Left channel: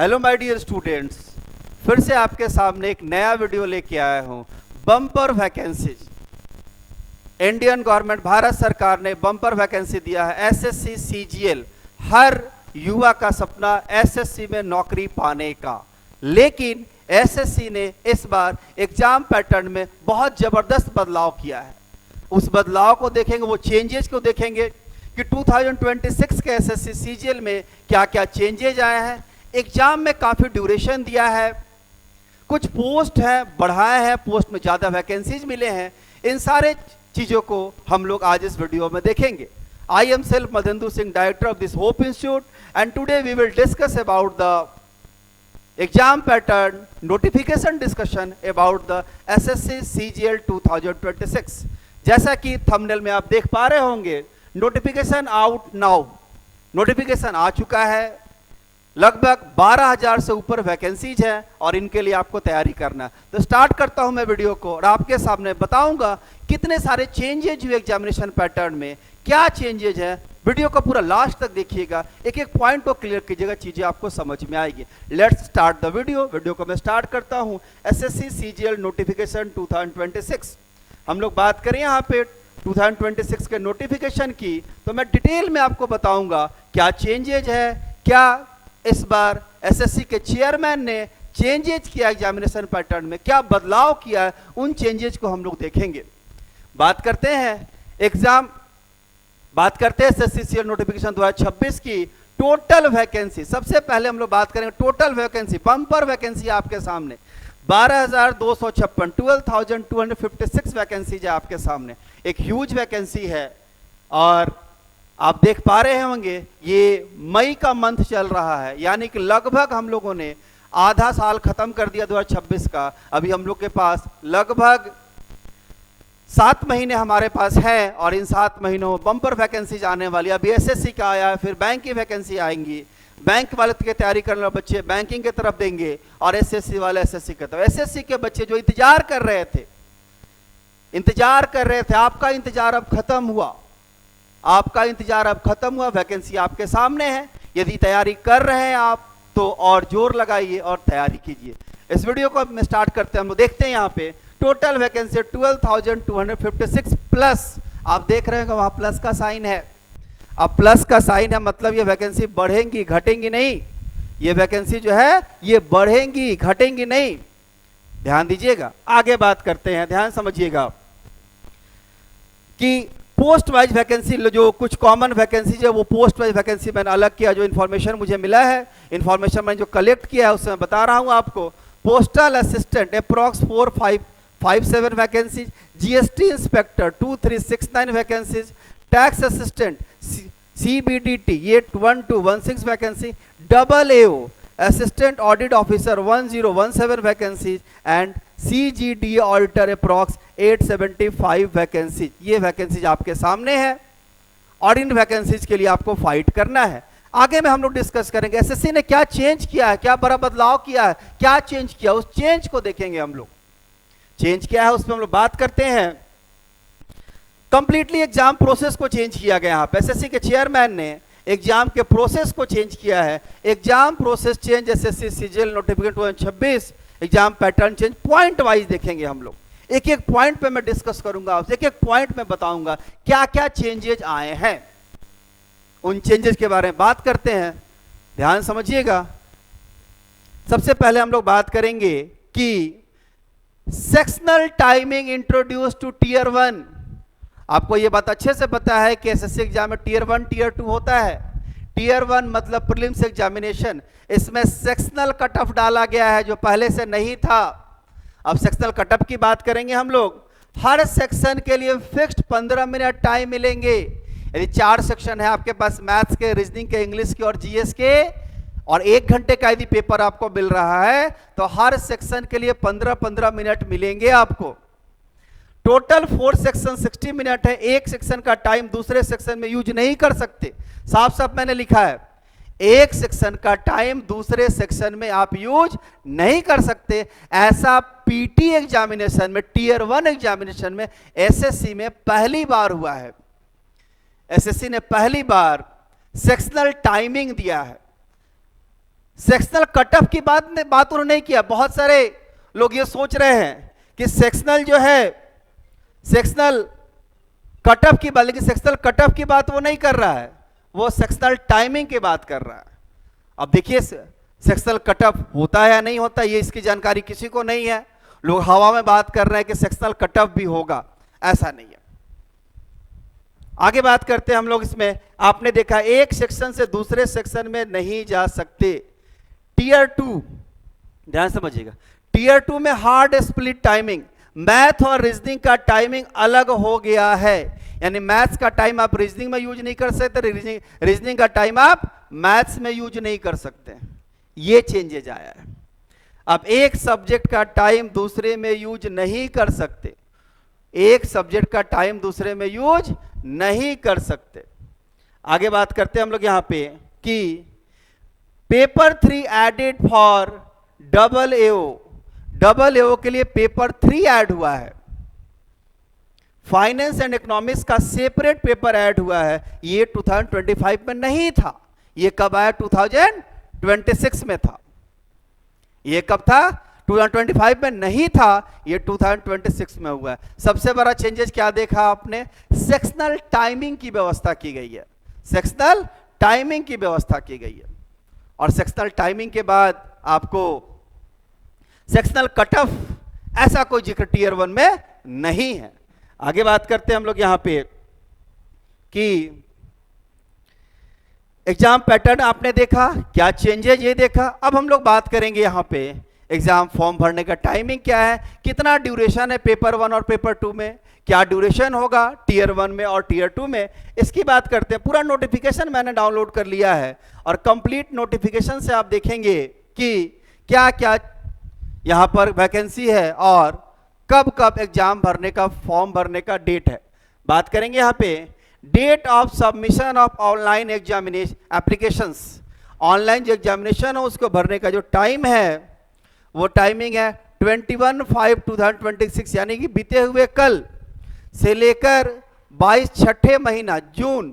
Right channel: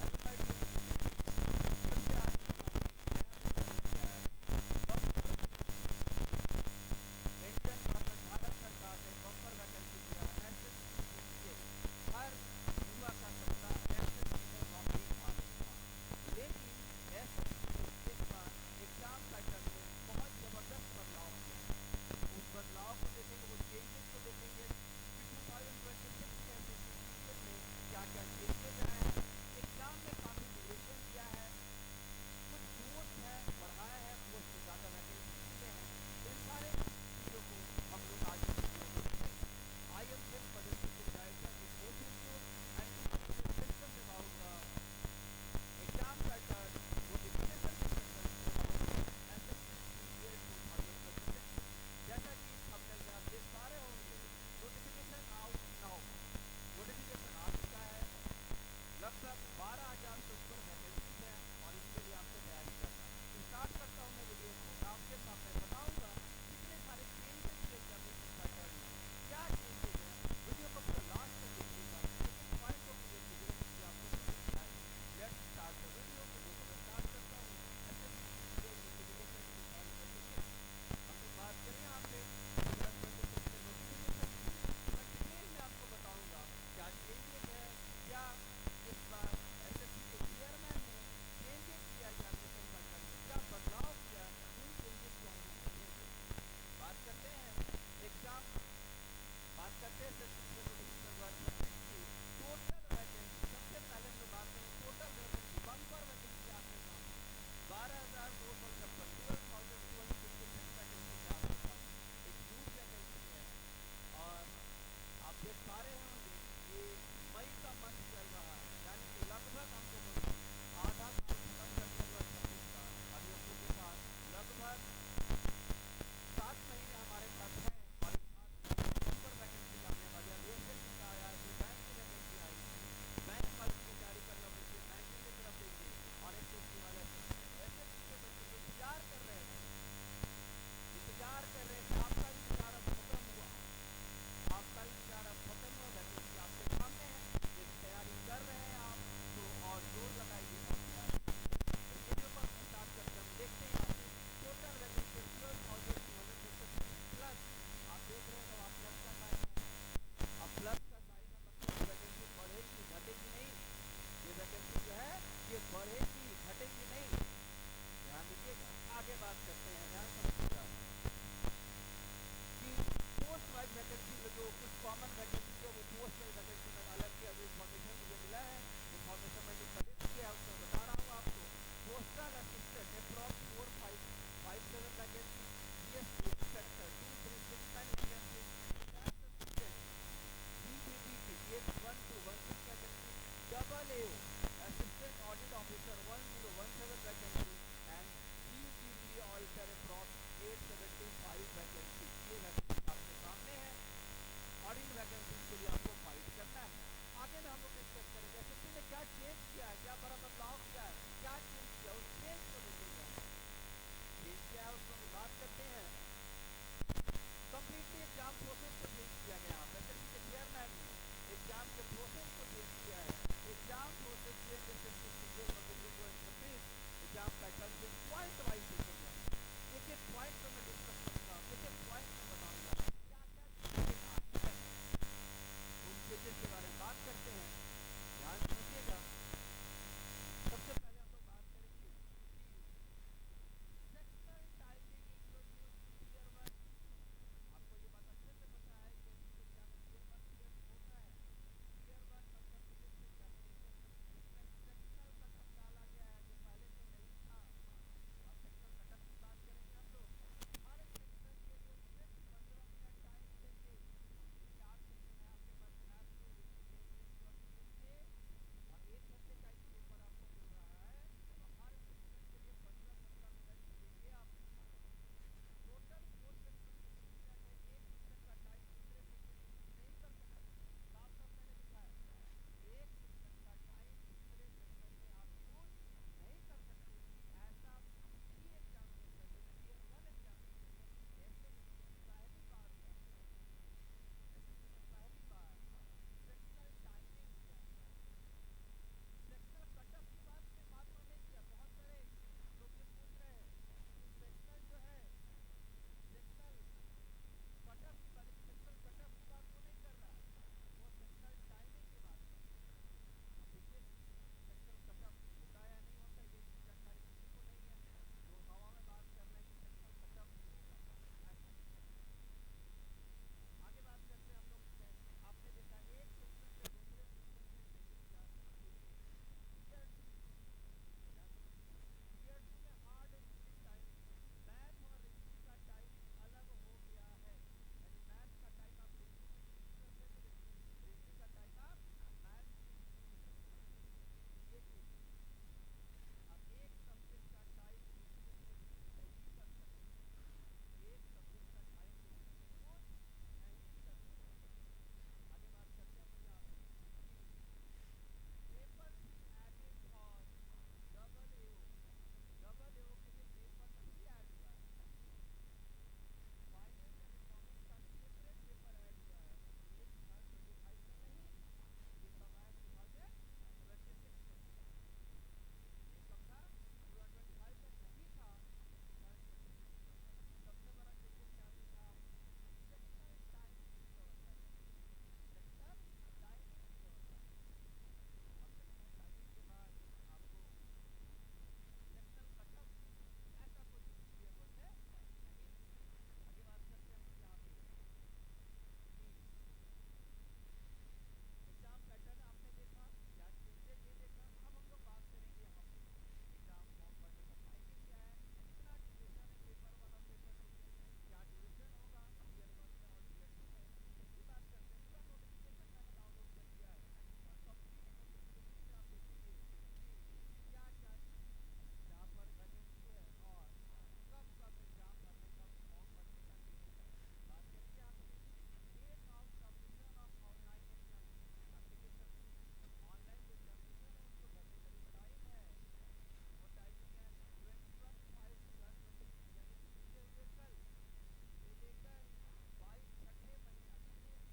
Hello my dear students, फिर से आपके सामने एक नया वीडियो लेके आया हूँ। Bumper vacancies, Indian government Bharat सरकार ने बम्पर वैकेंसी दिया है। एसएससी सीजीएल, हर युवा का सपना एसएससी में नौकरी पाने का। लेकिन एसएससी ने इस बार एग्जाम पैटर्न में बहुत जबरदस्त बदलाव किया है। उस बदलाव को देखेंगे, वो चेंजेस को देखेंगे कि 2026 के एसएससी सीजीएल में क्या क्या चेंजेज आए हैं। एग्जाम में काफ़ी ड्यूरेशन दिया है, कुछ पोस्ट है बढ़ाया है, पोस्ट में ज़्यादा वैकेंसीज मिले हैं। इन सारे चीज़ों को हम लोग आज इस वीडियो में देखेंगे। I am self Madhendu Singh, director of this Hope Institute, and today we will discuss about the exam pattern notification discussion about the SSC CGL 2026। जैसा कि थंबनेल में आप देख पा रहे होंगे, नोटिफिकेशन आउट नाउ, नोटिफिकेशन आ चुका है। लगभग 12,000 से ऊपर वैकेंसीज है और इनके लिए आपको तैयारी करना है। तो स्टार्ट करता हूं मैं वीडियो को और आपके सामने बताऊंगा कितने सारे चेंजेज हुए एग्जामिनेशन पैटर्न में, क्या चेंजेज है। वीडियो को पूरा लास्ट तक देखिएगा, एक एक पॉइंट को क्लियर कीजिएगा, चीजें आपको समझ में आएगी। लेट्स स्टार्ट द वीडियो को मैं स्टार्ट करता हूं। एसएससी सीजीएल नोटिफिकेशन 2026, हम लोग बात करें यहाँ पे 2026 के नोटिफिकेशन की, तो मैं डिटेल में आपको बताऊंगा क्या चेंजेज है, क्या इस बार एसएससी के चेयरमैन ने चेंजेज किया एग्जामिनेशन पैटर्न में, क्या बदलाव किया है, उन चेंजेज को हम लोग देखेंगे। बात करते हैं एसएससी सीजीएल नोटिफिकेशन 2026 की टोटल वैकेंसी। सबसे पहले हम लोग बात करेंगे टोटल वैकेंसी, बम्पर वैकेंसी आपके सामने 12,256, 12,256 वैकेंसी है आपके सामने। एक ह्यूज वैकेंसी है और आप देख पा रहे होंगे ये मई का मंथ चल रहा है, यानी कि लगभग हम लोगों ने आधा साल खत्म कर दिया 2026 का। अभी हम लोग के पास लगभग 7 महीने हमारे पास है और इन 7 महीनों में बम्पर वैकेंसीज आने वाली। अभी एसएससी का आया, फिर बैंक की वैकेंसी आएंगी, बैंक वाले की तैयारी करने वाले बच्चे बैंकिंग की तरफ देंगे और एसएससी वाले एसएससी की तरफ। एसएससी के बच्चे जो इंतजार कर रहे थे, आपका इंतजार अब खत्म हुआ, आपका इंतजार अब खत्म हुआ। वैकेंसी आपके सामने है, यदि तैयारी कर रहे हैं आप तो और जोर लगाइए और तैयारी कीजिए। इस वीडियो को मैं स्टार्ट करते हैं, हम देखते हैं यहाँ पे टोटल वैकेंसी 12,256 प्लस। आप देख रहे हैं वहां प्लस का साइन है। अब प्लस का साइन है मतलब ये वैकेंसी बढ़ेंगी घटेंगी नहीं, ये वैकेंसी जो है ये बढ़ेंगी घटेंगी नहीं, ध्यान दीजिएगा। आगे बात करते हैं, ध्यान समझिएगा कि पोस्ट वाइज वैकेंसी, जो कुछ कॉमन वैकेंसी है वो पोस्ट वाइज वैकेंसी मैंने अलग किया। जो इन्फॉर्मेशन मुझे मिला है, इन्फॉर्मेशन मैंने जो कलेक्ट किया है उससे मैं बता रहा हूं आपको। Postal assistant approx 4557 vacancy, GST inspector 2369 vacancies, tax assistant CBDT ये 1216 vacancy, double AO assistant audit officer 1017 vacancies and CGD auditor approx 875 vacancies. ये वैकेंसीज आपके सामने है और इन वैकेंसीज के लिए आपको फाइट करना है। आगे में हम लोग डिस्कस करेंगे एसएससी ने क्या चेंज किया है, क्या बड़ा बदलाव किया है, क्या चेंज किया, उस चेंज को देखेंगे हम लोग। चेंज क्या है उसमें हम लोग बात करते हैं। कंप्लीटली एग्जाम प्रोसेस को चेंज किया गया है। एसएससी के चेयरमैन ने एग्जाम के प्रोसेस को चेंज किया है। Exam process change, SSC CGL notification 2026 exam pattern change, point wise देखेंगे हम लोग। एक एक पॉइंट पे मैं डिस्कस करूंगा आपसे, एक एक पॉइंट में बताऊंगा क्या क्या चेंजेज आए हैं। उन चेंजेस के बारे में बात करते हैं, ध्यान समझिएगा। सबसे पहले हम लोग बात करेंगे कि sectional timing introduce to tier 1। आपको यह बात अच्छे से पता है कि एसएससी एग्जाम में टीयर 1 टीयर 2 होता है। टीयर 1 मतलब प्रीलिम्स एग्जामिनेशन, इसमें सेक्शनल कट ऑफ डाला गया है जो पहले से नहीं था। अब सेक्शनल कट ऑफ की बात करेंगे हम लोग। हर सेक्शन के लिए फिक्स्ड 15 मिनट टाइम मिलेंगे। यदि 4 सेक्शन है आपके पास, मैथ्स के, रीजनिंग के, इंग्लिश के और जीएस के, और 1 घंटे का यदि पेपर आपको मिल रहा है तो हर सेक्शन के लिए 15-15 मिनट मिलेंगे आपको। टोटल 4 सेक्शन 60 मिनट है। एक सेक्शन का टाइम दूसरे सेक्शन में यूज नहीं कर सकते, साफ साफ मैंने लिखा है, एक सेक्शन का टाइम दूसरे सेक्शन में आप यूज नहीं कर सकते। ऐसा पीटी एग्जामिनेशन में, टीयर 1 एग्जामिनेशन में एसएससी में पहली बार हुआ है। एसएससी ने पहली बार सेक्शनल टाइमिंग दिया है। सेक्शनल कट ऑफ की बात उन्होंने नहीं किया। बहुत सारे लोग ये सोच रहे हैं कि सेक्शनल जो है, सेक्शनल कट ऑफ की बात, लेकिन सेक्शनल कट ऑफ की बात वो नहीं कर रहा है, वो सेक्शनल टाइमिंग की बात कर रहा है। अब देखिए सेक्शनल कट ऑफ होता है या नहीं होता, ये इसकी जानकारी किसी को नहीं है। लोग हवा में बात कर रहे हैं कि सेक्शनल कट ऑफ भी होगा, ऐसा नहीं है। आगे बात करते हैं हम लोग इसमें। आपने देखा एक सेक्शन से दूसरे सेक्शन में नहीं जा सकते। टीयर 2, ध्यान समझिएगा, टीयर 2 में हार्ड स्प्लिट टाइमिंग, मैथ और रीजनिंग का टाइमिंग अलग हो गया है। यानी मैथ्स का टाइम आप रीजनिंग में यूज नहीं कर सकते, रीजनिंग का टाइम आप मैथ्स में यूज नहीं कर सकते। ये चेंजेज आया है। अब एक सब्जेक्ट का टाइम दूसरे में यूज नहीं कर सकते, एक सब्जेक्ट का टाइम दूसरे में यूज नहीं कर सकते। आगे बात करते हैं हम लोग यहां पे कि पेपर 3 एडेड फॉर डबल एओ के लिए पेपर 3 ऐड हुआ है। फाइनेंस एंड इकोनॉमिक्स का सेपरेट पेपर ऐड हुआ है। ये 2025 में नहीं था, ये कब आया? 2026 में था। ये कब था? 2025 में नहीं था, ये 2026 में हुआ है। सबसे बड़ा चेंजेस क्या देखा आपने? सेक्शनल टाइमिंग की व्यवस्था की गई है, सेक्शनल टाइमिंग की व्यवस्था की गई है। और सेक्शनल टाइमिंग के बाद आपको सेक्शनल कट ऑफ ऐसा कोई जिक्र टीयर 1 में नहीं है। आगे बात करते हैं हम लोग यहां पे कि एग्जाम पैटर्न आपने देखा, क्या चेंजेज ये देखा। अब हम लोग बात करेंगे यहां पे एग्जाम फॉर्म भरने का टाइमिंग क्या है, कितना ड्यूरेशन है पेपर 1 और पेपर 2 में, क्या ड्यूरेशन होगा टीयर 1 में और टीयर 2 में, इसकी बात करते हैं। पूरा नोटिफिकेशन मैंने डाउनलोड कर लिया है और कंप्लीट नोटिफिकेशन से आप देखेंगे कि क्या क्या यहां पर वैकेंसी है और कब कब एग्जाम भरने का, फॉर्म भरने का डेट है। बात करेंगे यहां पे date of submission of online examination applications, online जो एग्जामिनेशन है उसको भरने का जो टाइम है वो टाइमिंग है 21/5/2026, यानी कि बीते हुए कल से लेकर 22 छठे महीना जून,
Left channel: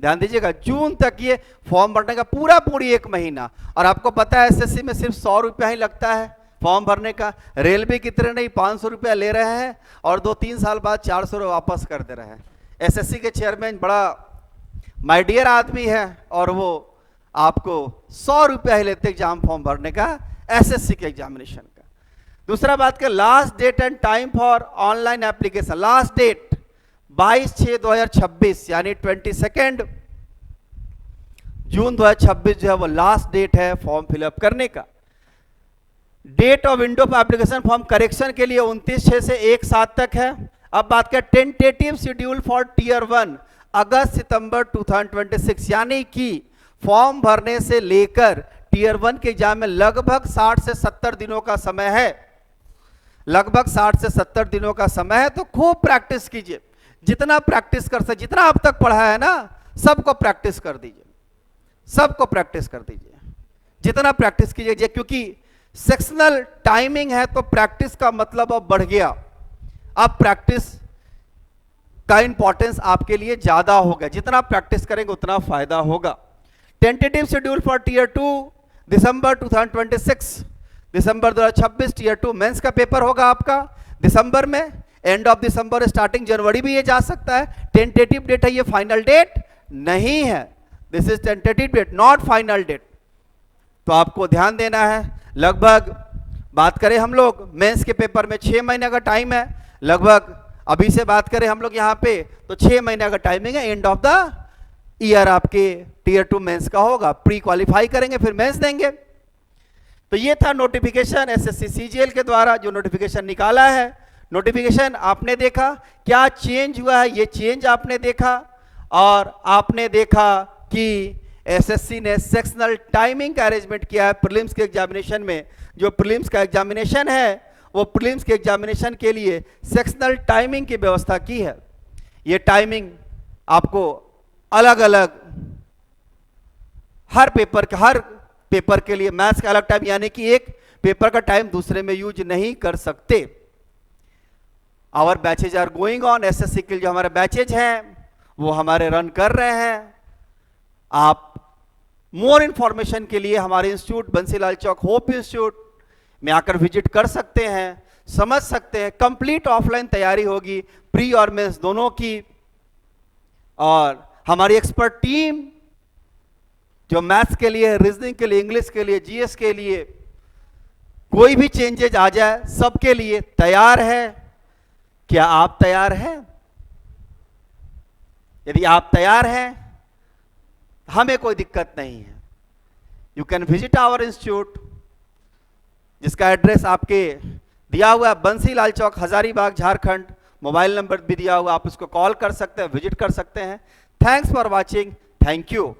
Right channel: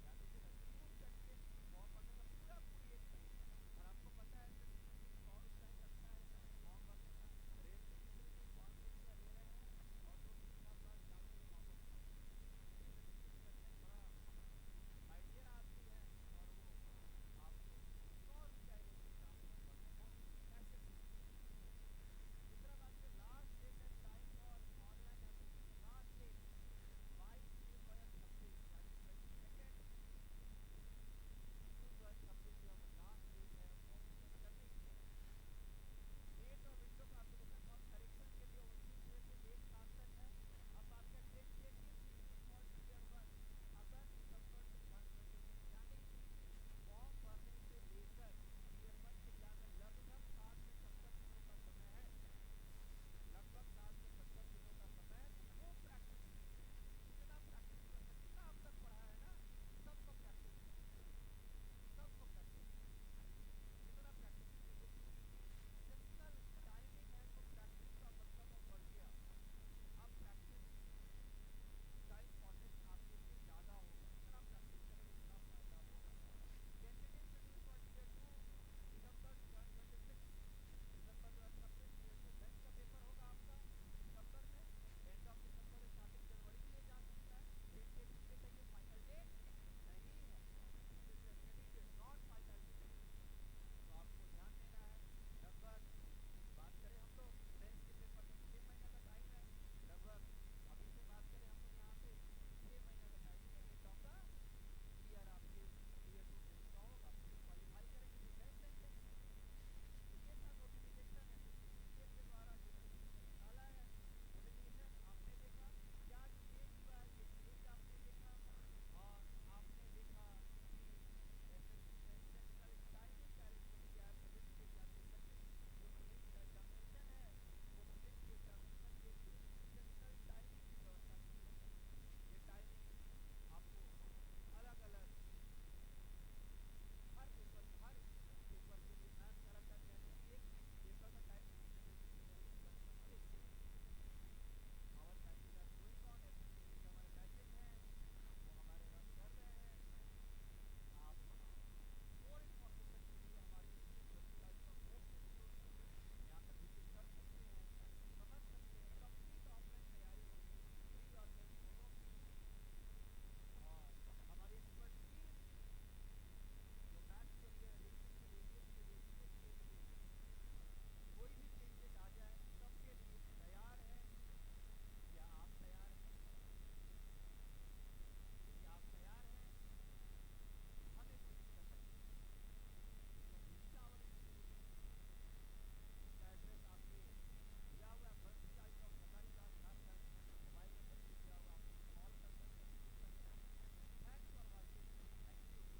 ध्यान दीजिएगा, जून तक ये फॉर्म भरने का पूरी एक महीना। और आपको पता है एसएससी में सिर्फ 100 रुपया ही लगता है फॉर्म भरने का, रेलवे की तरह नहीं 500 रुपया ले रहे हैं और 2-3 साल बाद 400 रुपये वापस कर दे रहे हैं। एसएससी के चेयरमैन बड़ा माय डियर आदमी है और वो आपको 100 रुपया ही लेते एग्जाम फॉर्म भरने का, एसएससी के एग्जामिनेशन का। दूसरा बात कर last date and time for online application, last date 22/6/2026 यानी 22 जून 2026 जो है वो लास्ट डेट है फॉर्म फिलअप करने का। Date of window of application form correction के लिए 29/6 से 1/7 तक है। अब बात करें टेंटेटिव शेड्यूल फॉर टीयर 1 अगस्त-सितंबर 2026, यानी कि फॉर्म भरने से लेकर टीयर 1 के एग्जाम में लगभग 60 से 70 दिनों का समय है, लगभग 60 से 70 दिनों का समय है। तो खूब प्रैक्टिस कीजिए, जितना प्रैक्टिस कर सकते, जितना अब तक पढ़ा है ना सबको प्रैक्टिस कर दीजिए, सबको प्रैक्टिस कर दीजिए, जितना प्रैक्टिस कीजिए, क्योंकि सेक्शनल टाइमिंग है तो प्रैक्टिस का मतलब अब बढ़ गया। अब प्रैक्टिस का इंपॉर्टेंस आपके लिए ज्यादा होगा, जितना प्रैक्टिस करेंगे उतना फायदा होगा। Tentative schedule for tier 2 December 2026, दिसंबर 2026 टीयर 2 मेंस का पेपर होगा आपका दिसंबर में, end of December starting January भी ये जा सकता है। टेंटेटिव डेट है, ये फाइनल डेट नहीं है, this is tentative date not final date. तो आपको ध्यान देना है। लगभग बात करें हम लोग मेंस के पेपर में 6 महीने का टाइम है, लगभग अभी से बात करें हम लोग यहाँ पे तो 6 महीने का टाइमिंग है। एंड ऑफ द ईयर आपके टीयर 2 मेंस का होगा, प्री क्वालिफाई करेंगे फिर मेंस देंगे। तो ये था नोटिफिकेशन एसएससी सीजीएल के द्वारा जो नोटिफिकेशन निकाला है। नोटिफिकेशन आपने देखा, क्या चेंज हुआ है ये चेंज आपने देखा, और आपने देखा कि एसएससी ने सेक्शनल टाइमिंग का अरेंजमेंट किया है प्रीलिम्स के एग्जामिनेशन में। जो प्रीलिम्स का एग्जामिनेशन है वो प्रीलिम्स के एग्जामिनेशन के लिए सेक्शनल टाइमिंग की व्यवस्था की है। ये टाइमिंग आपको अलग अलग हर पेपर के लिए मैथ्स का अलग टाइम, यानी कि एक पेपर का टाइम दूसरे में यूज नहीं कर सकते। Our batches are going on, SSC के जो हमारे बैचेज हैं वो हमारे रन कर रहे हैं। आप मोर इन्फॉर्मेशन के लिए हमारे इंस्टीट्यूट बंसीलाल चौक होप इंस्टीट्यूट में आकर विजिट कर सकते हैं, समझ सकते हैं। कंप्लीट ऑफलाइन तैयारी होगी, प्री और मेंस दोनों की। और हमारी एक्सपर्ट टीम जो मैथ्स के लिए, रीजनिंग के लिए, इंग्लिश के लिए, जीएस के लिए, कोई भी चेंजेज आ जाए सबके लिए तैयार है। क्या आप तैयार हैं? यदि आप तैयार हैं, हमें कोई दिक्कत नहीं है। You can visit our institute, जिसका एड्रेस आपके दिया हुआ है, बंसीलाल चौक, हजारीबाग, झारखंड। मोबाइल नंबर भी दिया हुआ, आप उसको कॉल कर सकते हैं, विजिट कर सकते हैं। Thanks for watching. Thank you.